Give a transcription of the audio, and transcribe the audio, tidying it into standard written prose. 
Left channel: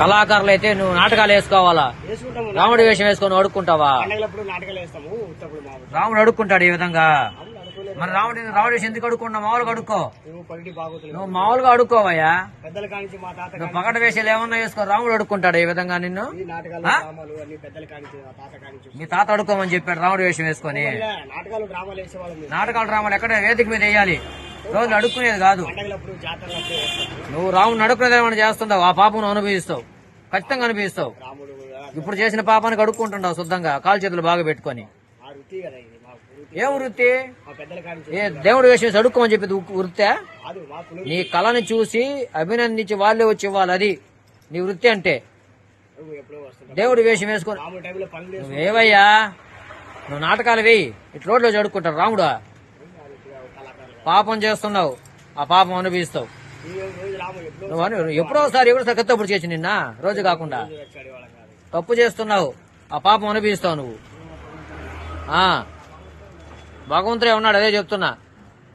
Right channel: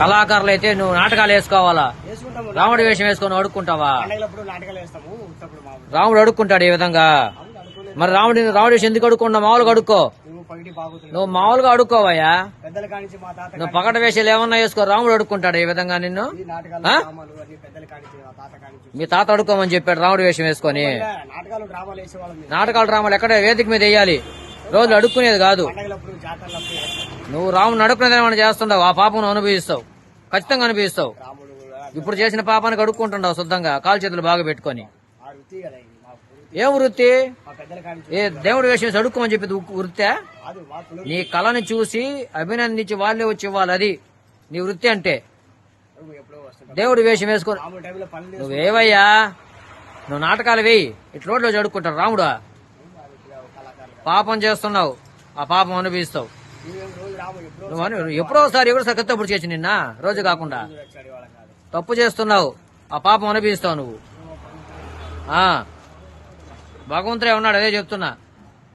కళాకారులు అయితే నువ్వు నాటకాలు వేసుకోవాలా? రాముడి వేషం వేసుకొని అడుక్కుంటావా? రాముడు అడుక్కుంటాడు ఈ విధంగా. మరి రాముడి వేషం ఎందుకు అడుక్కుంటా? మామూలుగా అడుక్కో. నువ్వు మామూలుగా అడుక్కోవయ్యా. నువ్వు పగట వేషాలు ఏమన్నా వేసుకో. రాముడు అడుక్కుంటాడు ఈ విధంగా నిన్ను. మీ తాత అడుక్కోమని చెప్పాడు రాముడి వేషం వేసుకొని. నాటకాలు డ్రామాలు ఎక్కడే వేదిక మీద వేయాలి, రోజులు అడుక్కునేది కాదు. నువ్వు రాముడిని అడుక్కునేది ఏమైనా చేస్తుండవు, ఆ పాపం అనుభవిస్తావు, ఖచ్చితంగా అనుభవిస్తావు. ఇప్పుడు చేసిన పాపానికి అడుక్కుంటుండవు శుద్ధంగా, కాలు చేతులు బాగా పెట్టుకొని. ఏం వృత్తి? ఏ దేవుడు వేసేసి అడుక్కోమని చెప్పి వృత్తే? నీ కళని చూసి అభినందించి వాళ్ళే వచ్చి ఇవ్వాలి, అది నీ వృత్తి అంటే. దేవుడి వేషం వేసుకో. నువ్వేవయ్యా, నువ్వు నాటకాలు వేయి, ఇటు రోడ్లో అడుక్కుంటాడు రాముడా. పాపం చేస్తున్నావు, ఆ పాపం అనుభవిస్తావు. నువ్వు ఎప్పుడోసారి తప్పుడు చేసి నిన్న రోజు కాకుండా తప్పు చేస్తున్నావు, ఆ పాపం అనుభవిస్తావు నువ్వు. భగవంతుడే ఉన్నాడు, అదే చెప్తున్నా.